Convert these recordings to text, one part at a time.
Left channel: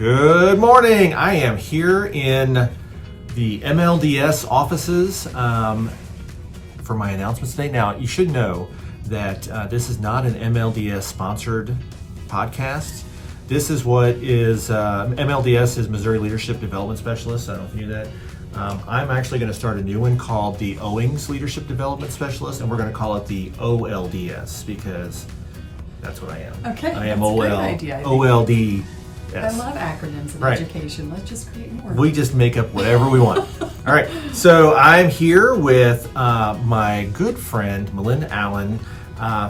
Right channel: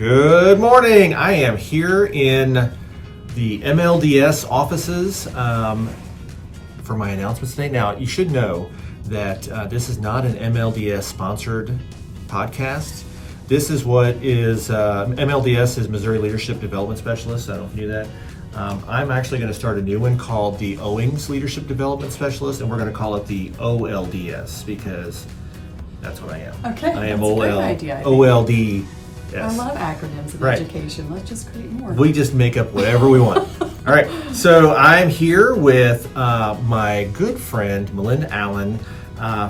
Good morning. I am here in the MLDS offices for my announcements today. Now, you should know that this is not an MLDS sponsored podcast. This is what is MLDS is Missouri Leadership Development Specialist. I don't know if you knew that. I'm actually going to start a new one called the Owings Leadership Development Specialist, and we're going to call it the OLDS because that's what I am. Okay, I am that's a great OL, idea. OLD. I love acronyms in Right. education. Let's just create more. We just make up whatever we want. All right, so I'm here with my good friend Melinda Allen,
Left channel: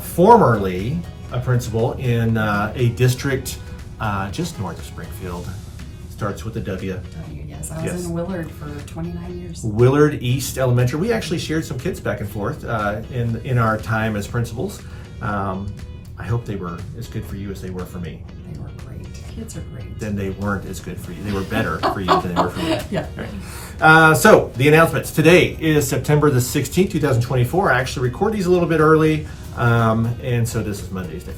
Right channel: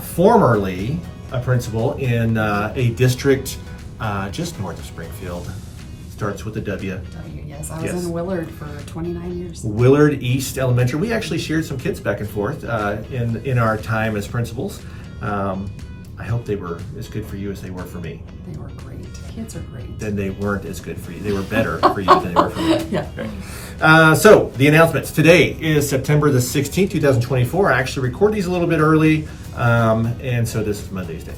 formerly a principal in a district just north of Springfield. Starts with a W. Yes, I was Yes. in Willard for 29 years. Willard East Elementary. We actually shared some kids back and forth in our time as principals. I hope they were as good for you as they were for me. They were great. Kids are great. Then they weren't as good for you. They were better for you than they were for me. Yeah. All right. So the announcements. Today is September the 16th, 2024. I actually record these a little bit early, and so this is Monday's day.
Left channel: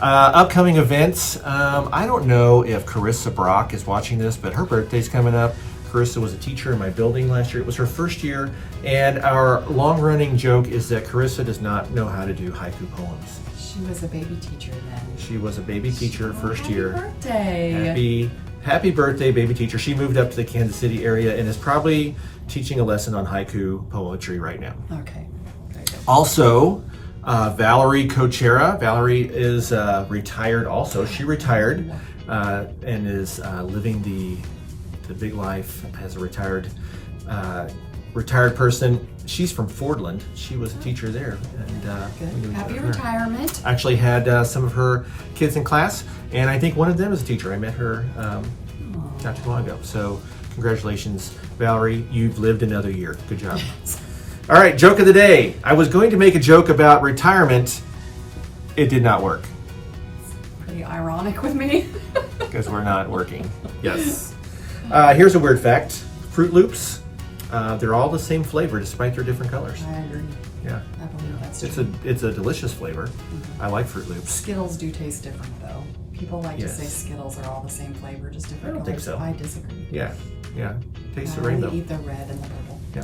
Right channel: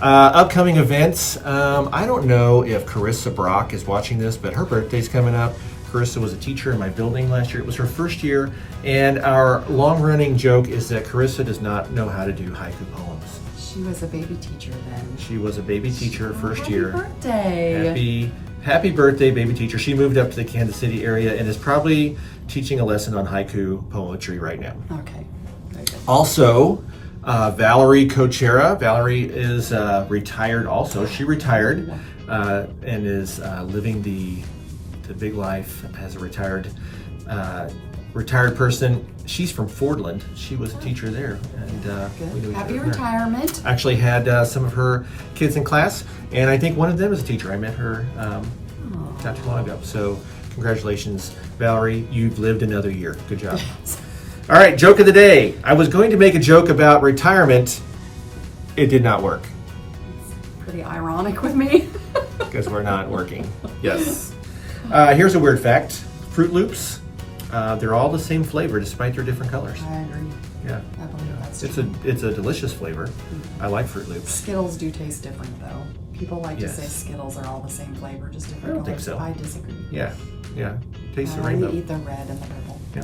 Upcoming events. I don't know if Carissa Brock is watching this, but her birthday's coming up. Carissa was a teacher in my building last year. It was her first year, and our long-running joke is that Carissa does not know how to do haiku poems. She was a baby teacher then. She was a baby teacher first year. Birthday. Happy birthday, baby teacher. She moved up to the Kansas City area and is probably teaching a lesson on haiku poetry right now. Okay. Very good. Also, Valerie Cochera. Valerie is retired also. She retired and is living the big life as a retired person. She's from Fordland. She was a teacher there, and we knew each Happy other. retirement. Actually had some of her kids in class, and I think one of them is a teacher. I met her not too long ago. So congratulations, Valerie. You've lived another year. Good job. All right, joke of the day. I was going to make a joke about retirement. It did not work Pretty ironic with me. because we're not working. Yes. Here's a weird fact. Fruit Loops, they're all the same flavor despite their different colors. I agree. Yeah. I believe that's It's true. a delicious flavor. I like Fruit Loops. Skittles do taste different though. People like Yes. to say Skittles are all the same flavor, just different I don't think colors. so. I disagree. Yeah. Taste the I rainbow. eat the red and the purple. Yeah.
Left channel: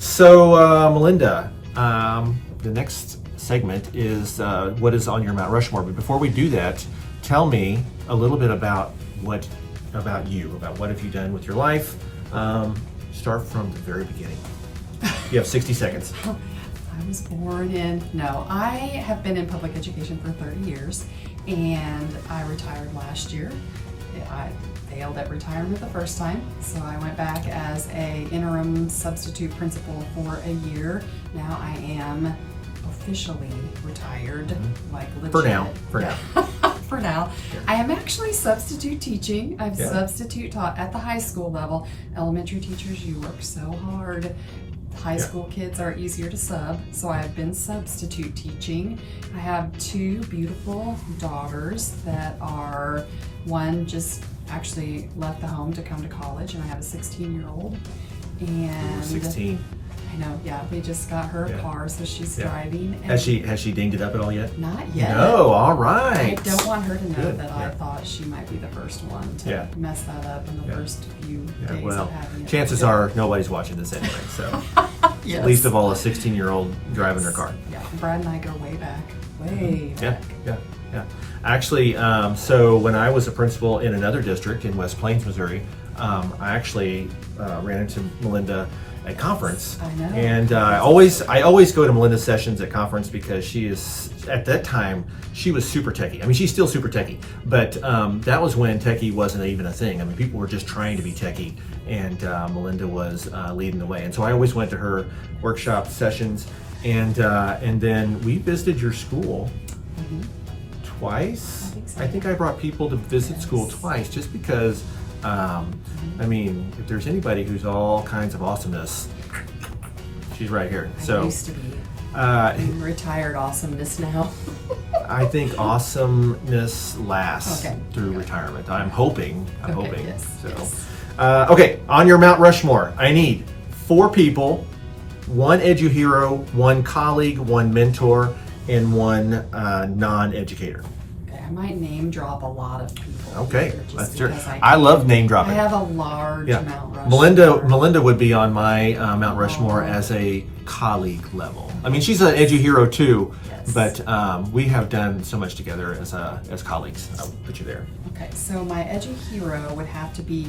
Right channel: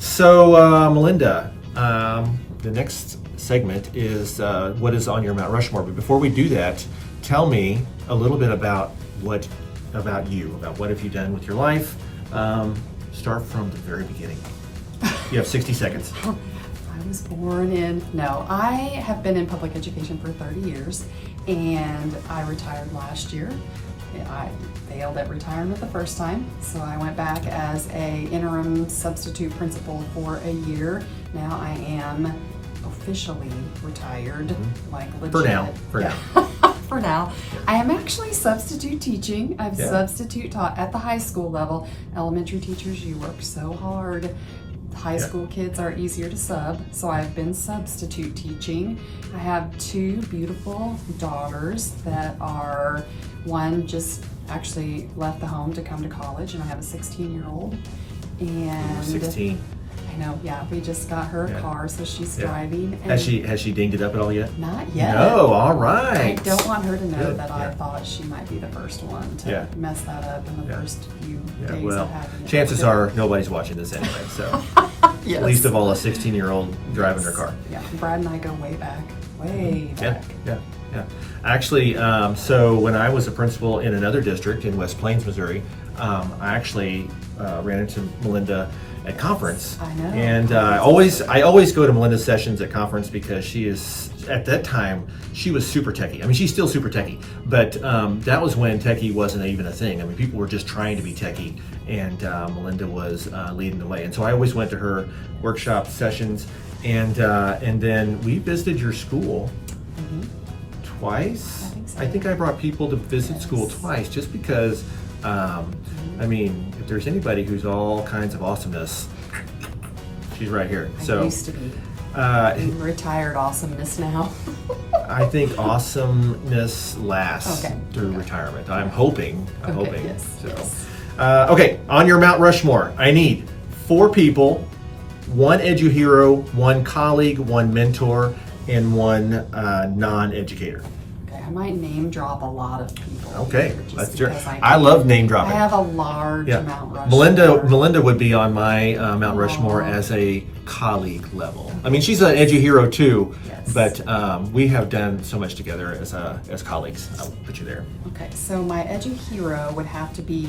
So, Melinda, the next segment is what is on your Mount Rushmore. But before we do that, tell me a little bit about what have you done with your life. Start from the very beginning. You have 60 seconds. I was born in, I have been in public education for 30 years and I retired last year. I failed at retirement the first time, so I went back as a interim substitute principal for a year. Now I am officially retired, like legit. For now. For now. I am actually substitute teaching. I've Yeah. substitute taught at the high school level. Elementary teachers, you work so hard. High school kids are easier to sub, so I've been substitute teaching. I have two beautiful daughters that are, one just actually left the home to come to college, and I have a 16-year-old. And 16. I know, yeah, we just got her a Yeah. car, so she's Yeah. driving. And Has she dinged it up at all yet? Not yet. No, all I right. don't want her to know Good, that I yeah. thought she might be the first one to Yeah. mess that up in the Yeah. first few Yeah, days well, of having it. chances are nobody's watching this anyway, so Yes. least of all a 16-year-old driving their car. Yeah, Brad and I go way back. Way back. Yeah. Actually, so when I was a principal in another district in West Plains, Missouri, I actually ran into Melinda at conference. I know. And I always go to Melinda's sessions at conference because she is, at that time, she was super techie. I mean, she's still super techie, but that was when techie wasn't even a thing. I mean, people were just trying to be techie, and Melinda was leading the way. And so I always went to her workshop sessions, and then we visited your school twice. I think so. I think I brought people to visit school twice just because, I mean, if there's anybody who's all kinds of awesomeness, she's right here. I So used to be. I'm retired awesomeness now. I think awesomeness lasts Okay. through retirement. I'm hoping. Yes, So, yes. Okay, on your Mount Rushmore, I need 4 people, 1 edu hero, 1 colleague, 1 mentor, and 1 non-educator. Okay, I might name drop a lot of people. Okay, here, just let's do it. because I love name I dropping. have a large Yeah. Mount Rushmore. Melinda would be on my Mount Rushmore as a colleague level. I mean, she's an edgy hero too, Yes. but we have done so much together as colleagues. I'll put you there. Okay, so my edu hero would have to be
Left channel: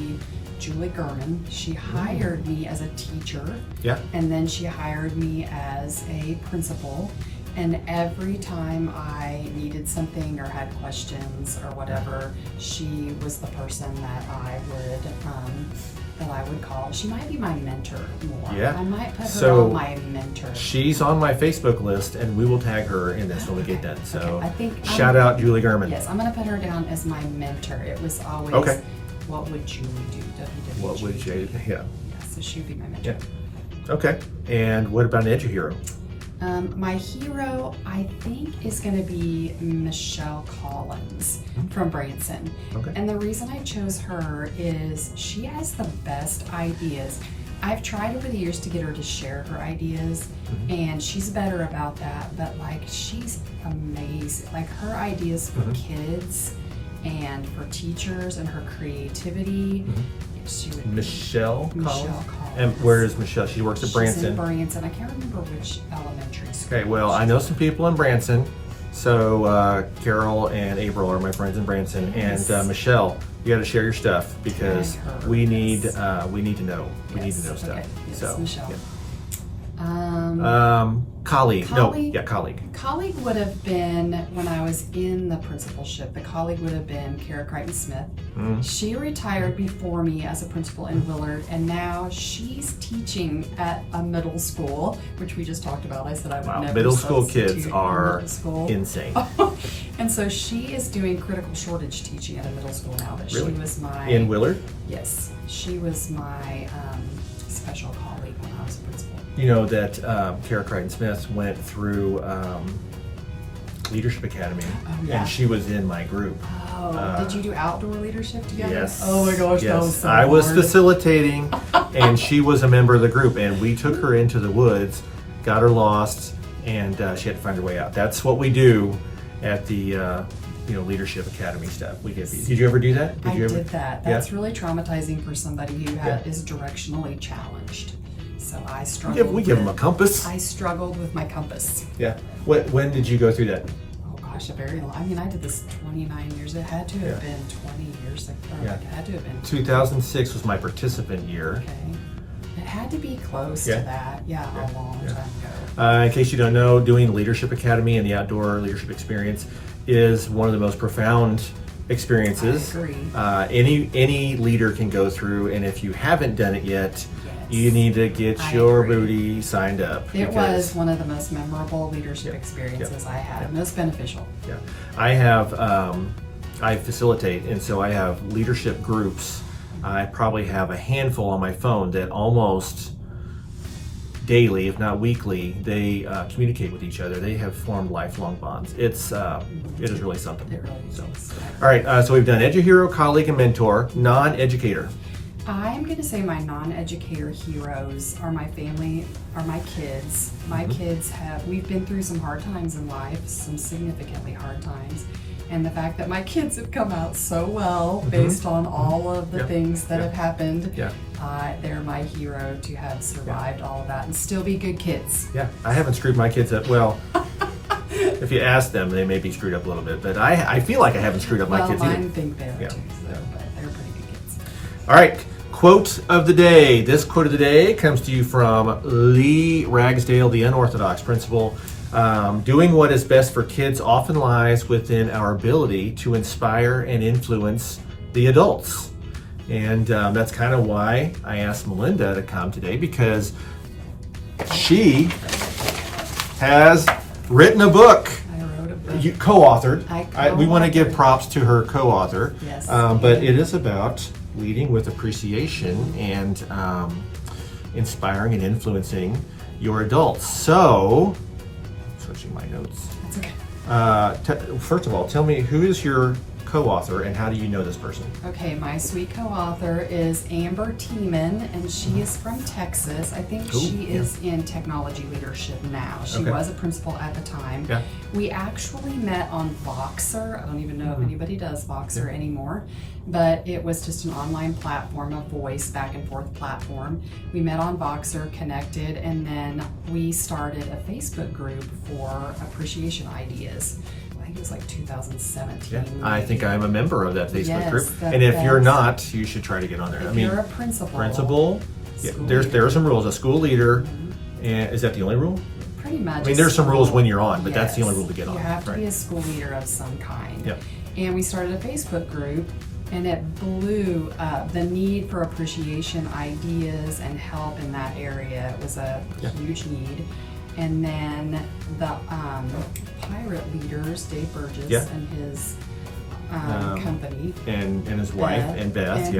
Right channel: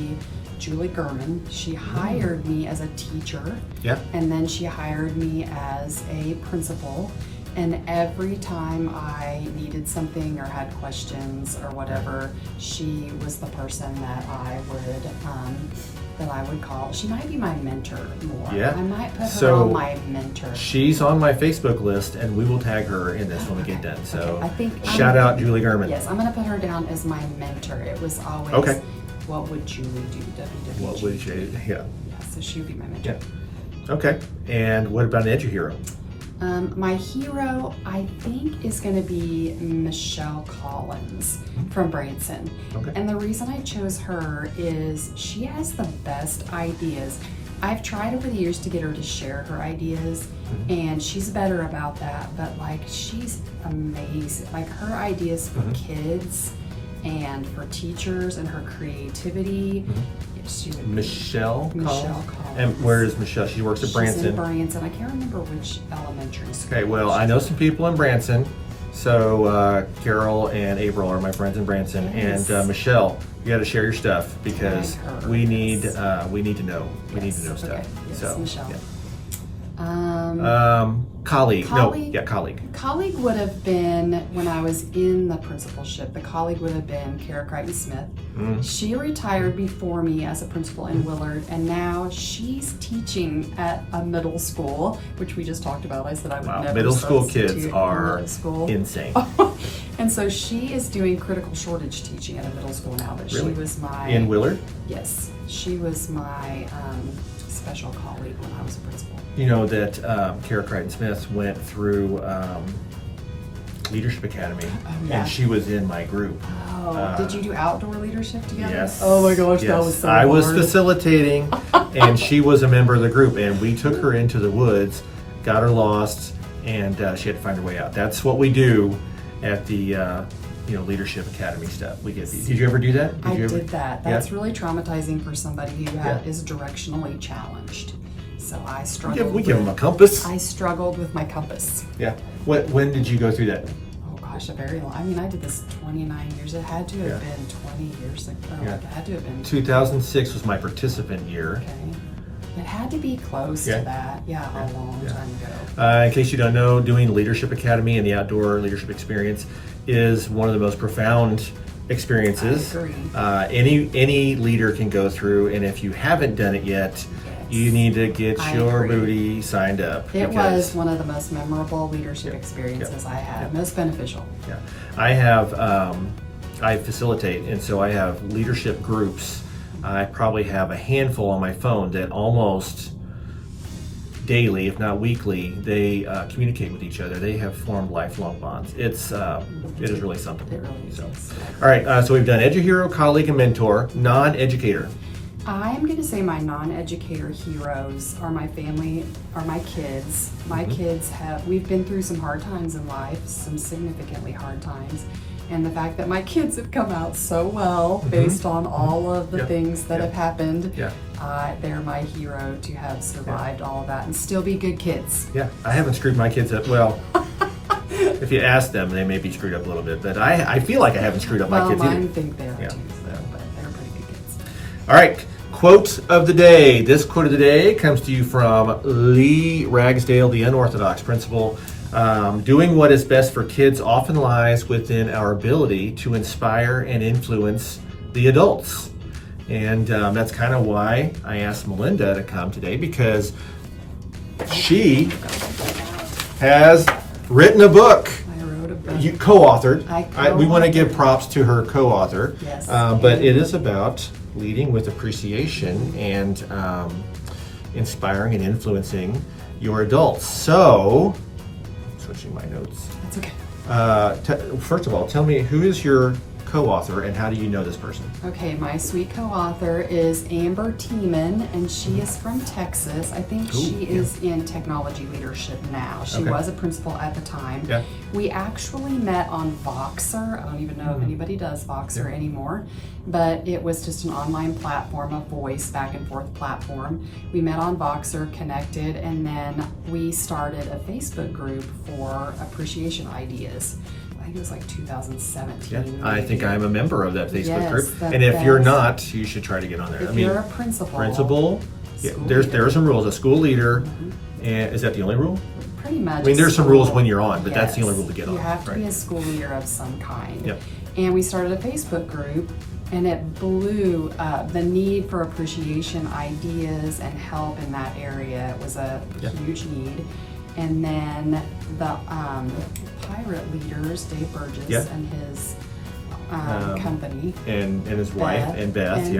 Julie Gurman. She hired me as a teacher, Yeah. and then she hired me as a principal. And every time I needed something or had questions or whatever, she was the person that I would call. She might be my mentor more. Yeah. I might put her So, on my mentor. She's on my Facebook list, and we will tag her in this when we get done. So, Okay, I think shout out Julie Gurman. Yes, I'm gonna put her down as my mentor. It was always, Okay. what would Julie do? WWG. What would you? Yeah. Yeah, so she'd be my mentor. Yeah. Okay. And what about an edgy hero? My hero, I think, is going to be Michelle Collins from Branson. Okay. And the reason I chose her is she has the best ideas. I've tried over the years to get her to share her ideas, and she's better about that, but like, she's amazing. Like, her ideas for kids and for teachers and her creativity. She would be Michelle Collins? Collins. And where is Michelle? She works at She's in Branson. Branson. I can't remember which elementary school. Okay, well, I know some people in Branson. So Carol and April are my friends in Branson, Yes. and Michelle, you got to share your stuff because Like her, we need yes. we need to know. We need to know Yes, stuff. okay. Yes, So Michelle. yeah. Colleague? Colleague. Colleague would have been, when I was in the principalship, the colleague would have been Kara Crichton Smith. She retired before me as a principal in Willard, and now she's teaching at a middle school, which we just talked about. I said I would never Middle school substitute kids in are middle school. insane. And so she is doing critical shortage teaching at a middle school now, but Really? she was my... In Willard? Yes, she was my special colleague when I was a principal. You know that Kara Crichton Smith went through Leadership Academy, yeah. and she was in my group. Oh, did you do outdoor leadership together? Yes. Oh my gosh, yes. that was so I was hard. facilitating, and she was a member of the group, and we took her into the woods, got her lost, and she had to find her way out. That's what we do at the Leadership Academy stuff. We get. Did you ever do that? I you ever? did that. That's really traumatizing for somebody who is directionally challenged. So I struggled. We give them a compass. I struggled with my compass. Yeah. When did you go through that? Oh gosh, a very long. I mean, I did this 29 years. It had to have been 20 years ago. Yeah. It had to have been. 2006 was my participant year. Okay. It had to be close Yeah. to that. Yeah, a long time ago. In case you don't know, doing Leadership Academy and the outdoor leadership experience is one of the most profound experiences I agree. any leader can go through. And if you haven't done it yet, you need to get I your agree. booty signed up. It because- was one of the most memorable leadership experiences I had. Most beneficial. Yeah, I have. I facilitate, and so I have leadership groups. I probably have a handful on my phone that almost daily, if not weekly, they communicate with each other. They have formed lifelong bonds. It is really something. It really is. So, all right. So we've done edu-hero, colleague, and mentor. Non-educator. I'm going to say my non-educator heroes are my family, are my kids. My kids we've been through some hard times in life, some significantly hard times. And the fact that my kids have come out so well based on all of the things that have happened, they're my hero to have survived all of that and still be good kids. Yeah, I haven't screwed my kids up. Well, if you ask them, they may be screwed up a little bit, but I feel like I haven't screwed up my kids either. Mine think they are too, but they're pretty good kids. All right, quote of the day. This quote of the day comes to you from Lee Ragsdale, the unorthodox principal. Doing what is best for kids often lies within our ability to inspire and influence the adults. And that's kind of why I asked Melinda to come today, because she has written a book. I wrote a book. You co-authored. I we want to give props to her co-author. Yes. But it is about leading with appreciation and inspiring and influencing your adults. So, switching my notes. That's okay. First of all, tell me, who is your co-author, and how do you know this person? Okay, my sweet co-author is Amber Tiemann, and she is from Texas. I think she is in technology leadership now. She was a principal at the time. Yeah. We actually met on Voxer. I don't even know if anybody does Voxer anymore, but it was just an online platform, a voice back and forth platform. We met on Voxer, connected, and then we started a Facebook group for appreciation ideas. I think it was like 2017. Yeah, I think I'm a member of that Facebook group. the And if you're best. not, you should try to get on there. If you're a principal, yeah, school there leader. are some rules. A school leader, and is that the only rule? Pretty much. I mean, there's some rules when you're on, but that's the only rule to get on. You have to right? be a school leader of some kind. Yep. And we started a Facebook group, and it blew up. The need for appreciation ideas and help in that area was a huge need. And then the pirate leaders, Dave Burgess and his company, and his wife and Beth,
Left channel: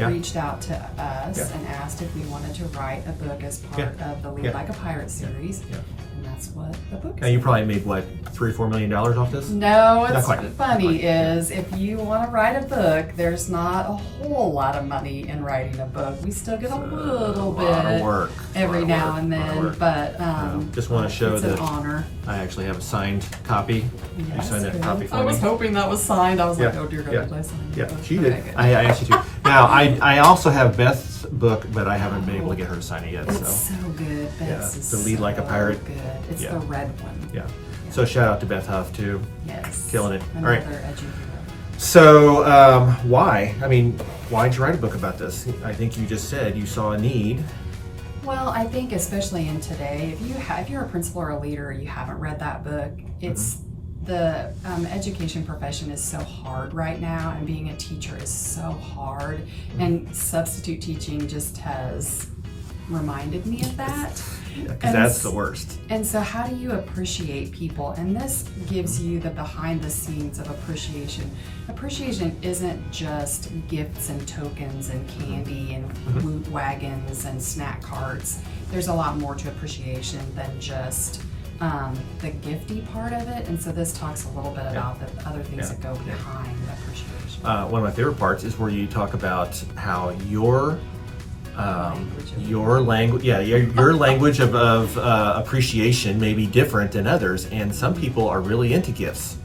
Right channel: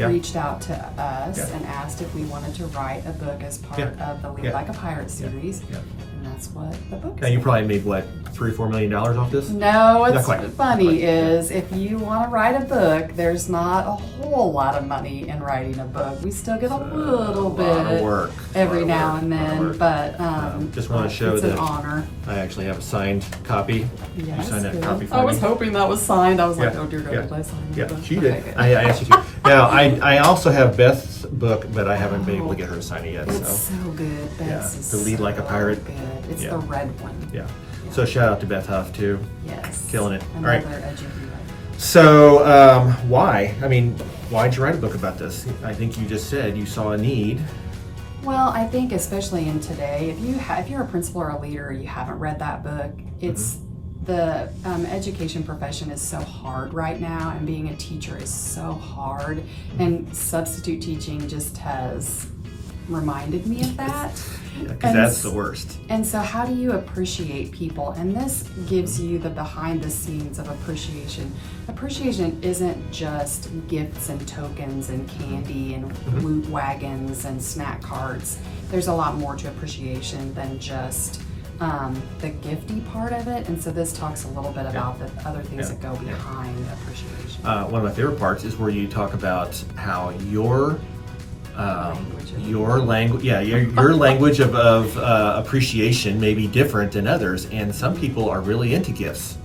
reached out to us and asked if we wanted to write a book as part of the Lead Like a Pirate series. And that's what the book is. Now, you probably made what, $3 or $4 million off this? No, what's Not quite. funny is if you want to write a book, there's not a whole lot of money in writing a book. We still get a little bit lot of work. every now and then, but just want to show it's that an honor. I actually have a signed copy. Yes, You signed that good. copy for I me? was hoping that was signed. I was like, oh dear God, did I sign Yeah, that? she did. Okay, good. I asked you to. Now, I also have Beth's book, but I haven't been able to get her to sign it yet. It's So so good. Beth's is The Lead Like a so Pirate. Good. It's the red one. yeah. So shout out to Beth Huff too. Yes. Killing it. Another All right. edgy hero. So why? I mean, why'd you write a book about this? I think you just said you saw a need. Well, I think especially in today, if you're a principal or a leader, you haven't read that book. It's the education profession is so hard right now, and being a teacher is so hard. And substitute teaching just has reminded me of that. Yeah, because that's the worst. And so how do you appreciate people? And this gives you the behind the scenes of appreciation. Appreciation isn't just gifts and tokens and candy and woot wagons and snack carts. There's a lot more to appreciation than just the gifty part of it. And so this talks a little bit about the other things that go behind appreciation. One of my favorite parts is where you talk about how your language, your language of appreciation may be different than others, and some people are really into gifts.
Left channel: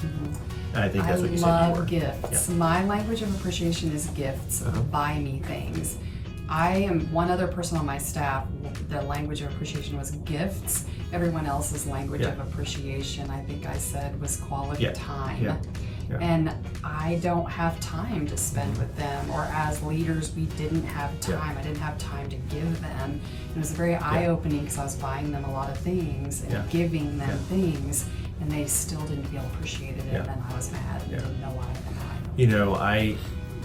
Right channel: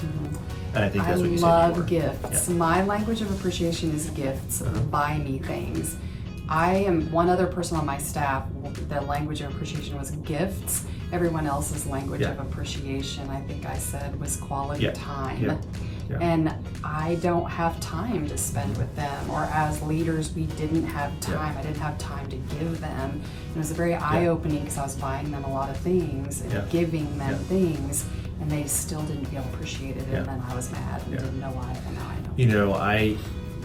And I think that's what you said. I you were. love gifts. My language of appreciation is gifts. Buy me things. I am one other person on my staff. The language of appreciation was gifts. Everyone else's language of appreciation, I think I said, was quality time. Yeah. And I don't have time to spend with them, or as leaders, we didn't have time. I didn't have time to give them. It was very eye-opening because I was buying them a lot of things and giving them things, and they still didn't feel appreciated, and then I was mad and didn't know why. And now I know. You know, I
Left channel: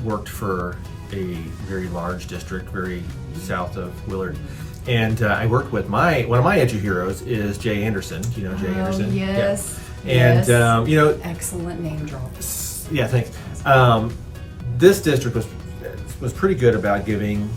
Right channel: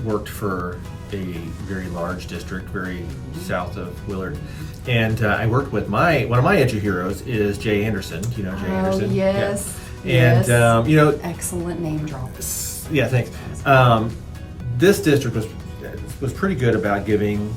worked for a very large district, very south of Willard. And I worked with one of my edu heroes is Jay Anderson. Do you know Jay Anderson? Yes. And you know, excellent name drop. Yeah, thanks. This district was pretty good about giving.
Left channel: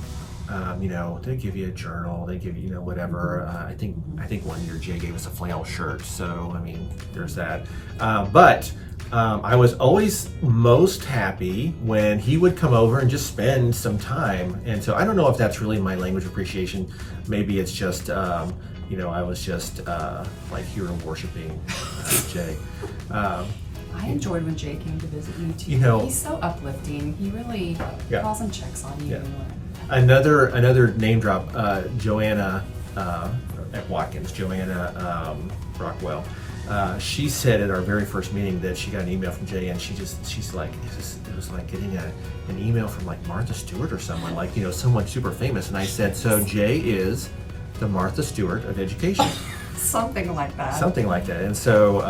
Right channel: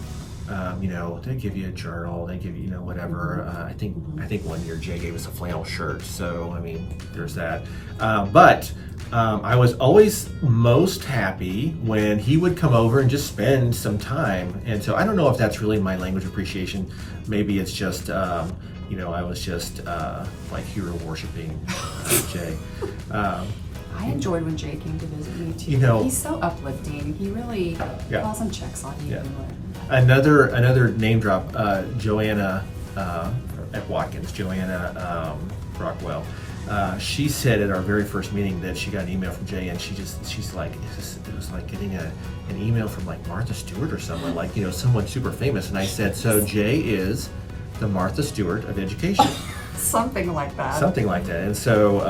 You know, they give you a journal, they give you, whatever. I think one year Jay gave us a flannel shirt. So I mean, there's that. But I was always most happy when he would come over and just spend some time. And so I don't know if that's really my language of appreciation. Maybe it's just. I was just like hero worshiping Jay. I enjoyed when Jay came to visit me too. He's so uplifting. He really calls and checks on you. Yeah. Another name drop, Joanna at Watkins, Joanna Rockwell. She said at our very first meeting that she got an email from Jay, and she's like, it was like getting an email from like Martha Stewart or someone, like, someone super famous. And I said, so Jay is the Martha Stewart of education. Something like that. Something like that. And so,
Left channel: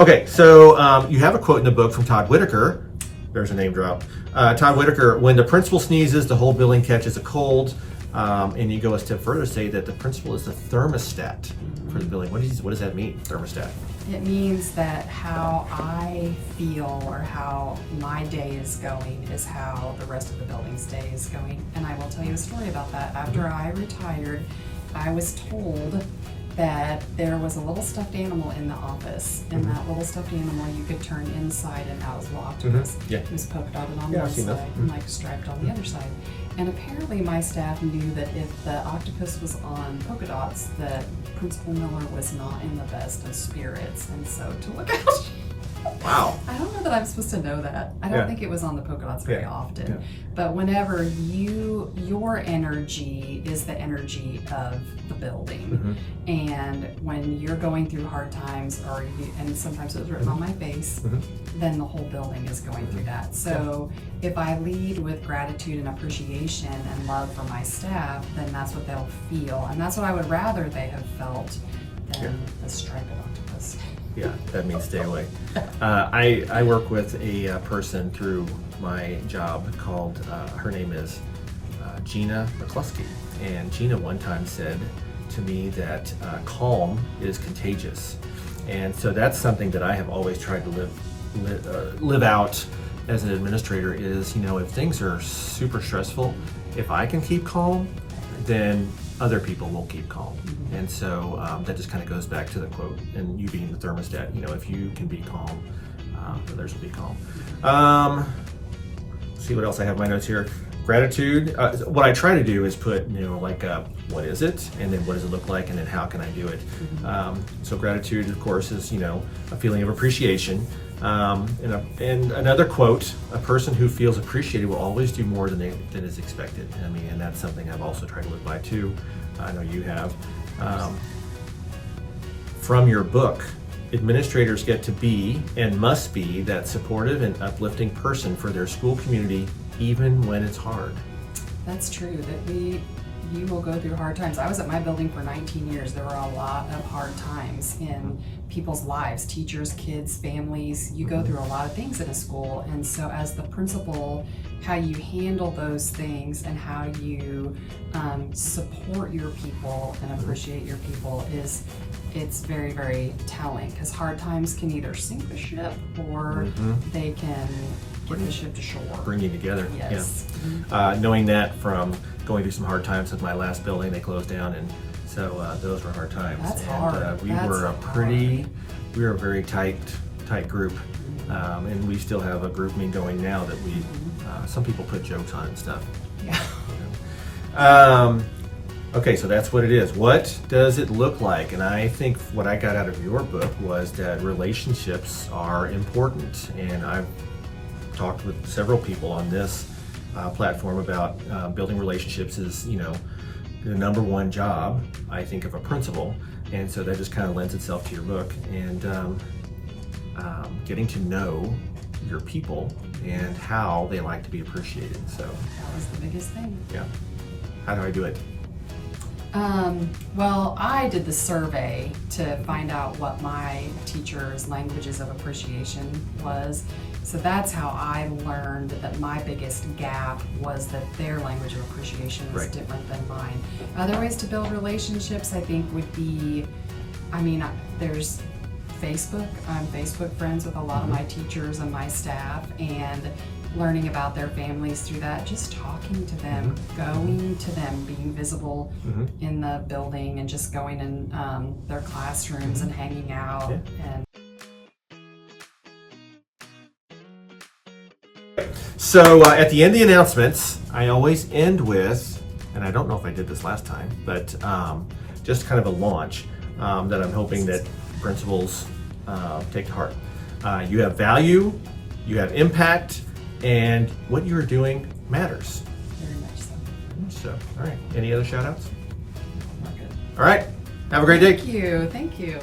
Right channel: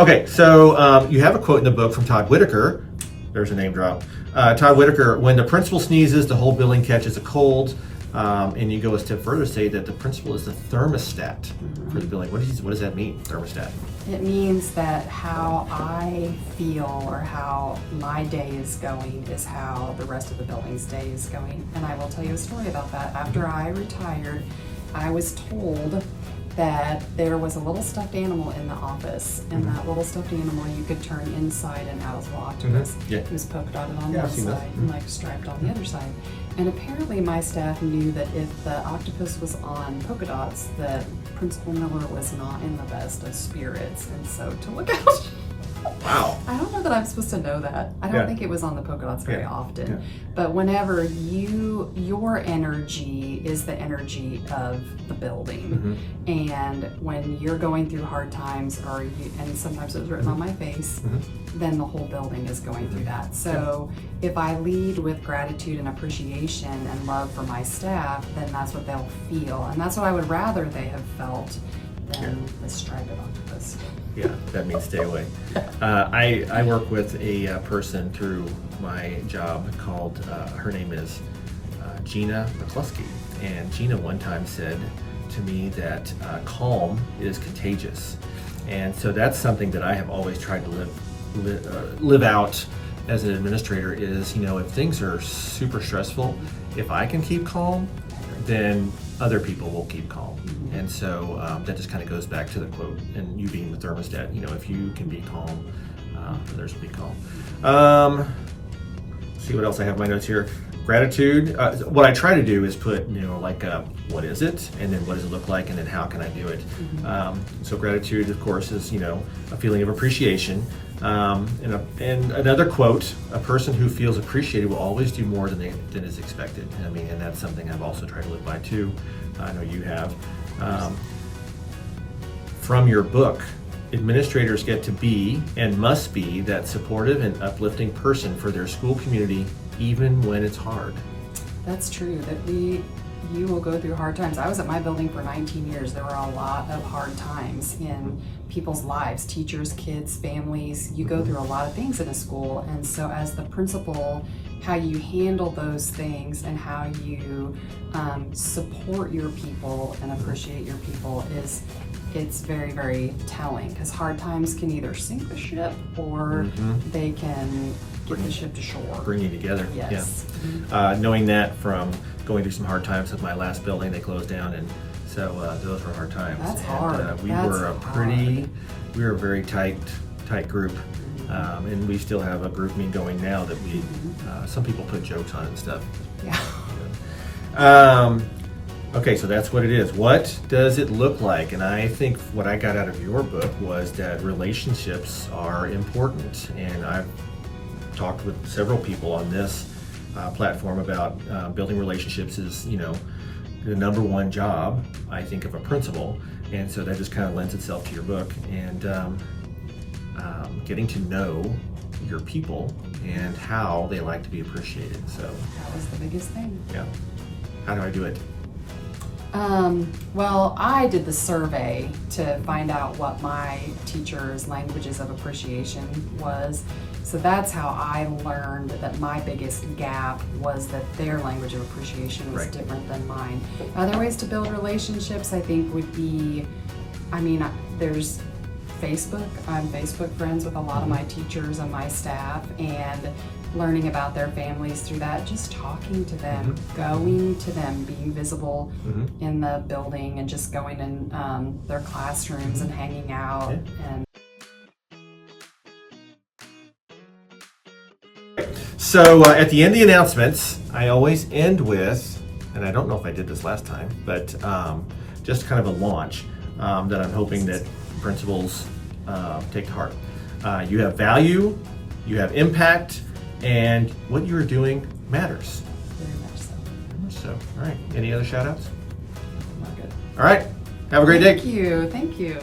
okay, so you have a quote in the book from Todd Whitaker. There's a name drop. Todd Whitaker, when the principal sneezes, the whole building catches a cold. And you go a step further, say that the principal is the thermostat for the building. What does that mean, thermostat? It means that how I feel or how my day is going is how the rest of the building's day is going. And I will tell you a story about that. After I retired, I was told that there was a little stuffed animal in the office, and that little stuffed animal you could turn inside and out as well. Octopus. Yeah. It was polka dotted on Yeah, one I've seen side those. and like striped on the other side. And apparently my staff knew that if the octopus was on polka dots, that Principal Miller was not in the best of spirits, and so to look out. Wow. I don't know that I'm supposed to know that. I don't think it was on the polka dots very often. But whenever your energy is the energy of the building, and when you're going through hard times, and sometimes it was written on my face, then the whole building is going through that. So if I lead with gratitude and appreciation and love for my staff, then that's what they'll feel, and that's what I would rather they have felt than the striped octopus. Yeah, that means stay away. I work with a person through my job called, her name is Gina McCluskey. And Gina one time said to me that calm is contagious. And so that's something that I have always tried to live out as an administrator is, if things are super stressful, if I can keep calm, then other people will keep calm. And so that just kind of goes back to the quote, and you being the thermostat, if you can be calm, others will be calm. See what else I have in my notes here. Gratitude. What I try to do is put, what is it? And then what does it look like? And then how can I do it? So gratitude, of course, is, a feeling of appreciation. And another quote, a person who feels appreciated will always do more than is expected. And that's something I've also tried to live by too. I know you have. From your book, administrators get to be and must be that supportive and uplifting person for their school community, even when it's hard. That's true, that you will go through hard times. I was at my building for 19 years. There were a lot of hard times in people's lives, teachers, kids, families. You go through a lot of things in a school, and so as the principal, how you handle those things and how you support your people and appreciate your people it's very, very telling, because hard times can either sink the ship or they can get the ship to shore. Bring you together. Yes. Yeah. Knowing that from going through some hard times with my last building, they closed down, and so those were hard times. That's and hard. we were a very tight group, and we still have a group meeting going now that we some people put jokes on it and stuff. Yeah. Okay, so that's what it is. What does it look like? And I think what I got out of your book was that relationships are important, and I've talked with several people on this platform about building relationships is, the number one job, I think, of a principal. And so that just kind of lends itself to your book, and getting to know your people and how they like to be appreciated. So That was the biggest thing. yeah. How do I do it? Well, I did the survey to find out what my teachers' languages of appreciation was. So that's how I learned that my biggest gap was that their language of appreciation was different than mine. Other ways to build relationships, I think, would be, there's Facebook. I'm Facebook friends with a lot of my teachers and my staff, and learning about their families through that, just talking to them, going to them, being visible in the building, and just going in their classrooms and hanging out. And So at the end of the announcements, I always end with, and I don't know if I did this last time, but just kind of a launch that I'm hoping that principals take to heart. You have value, you have impact, and what you're doing matters. very much so. Very much so. All right. Any other shout outs? We're good. All right. Have a great day. Thank you. Thank you.